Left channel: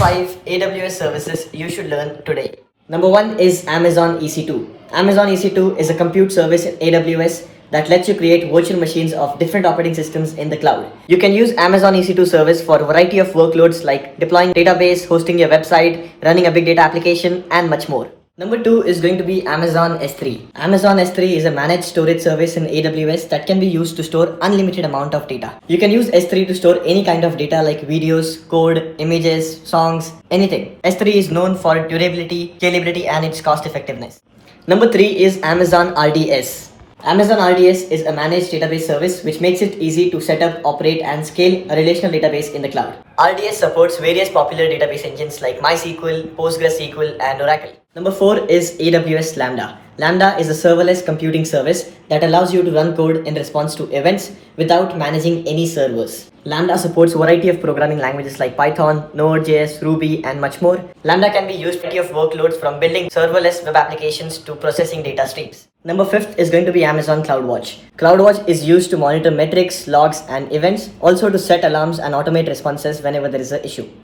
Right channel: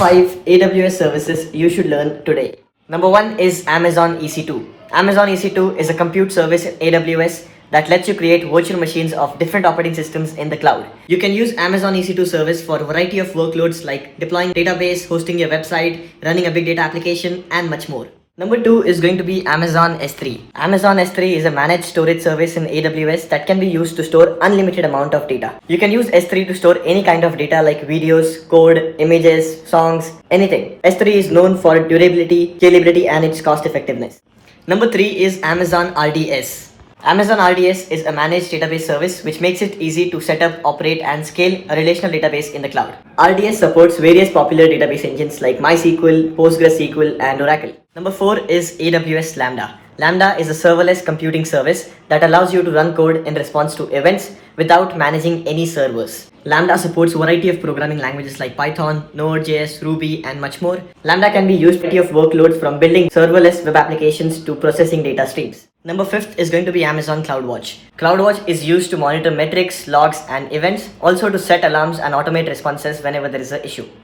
5 AWS services you should learn today. Number 1 is Amazon EC2. Amazon EC2 is a compute service in AWS that lets you create virtual machines of different operating systems in the cloud. You can use Amazon EC2 service for a variety of workloads like deploying database, hosting your website, running a big data application, and much more. Number 2 is going to be Amazon S3. Amazon S3 is a managed storage service in AWS that can be used to store unlimited amount of data. You can use S3 to store any kind of data like videos, code, images, songs, anything. S3 is known for durability, scalability, and its cost effectiveness. Number 3 is Amazon RDS. Amazon RDS is a managed database service which makes it easy to set up, operate, and scale a relational database in the cloud. RDS supports various popular database engines like MySQL, PostgreSQL, and Oracle. Number 4 is AWS Lambda. Lambda is a serverless computing service that allows you to run code in response to events without managing any servers. Lambda supports a variety of programming languages like Python, Node.js, Ruby, and much more. Lambda can be used for a variety of workloads from building serverless web applications to processing data streams. Number 5 is going to be Amazon CloudWatch. CloudWatch is used to monitor metrics, logs, and events, also to set alarms and automate responses whenever there is an issue.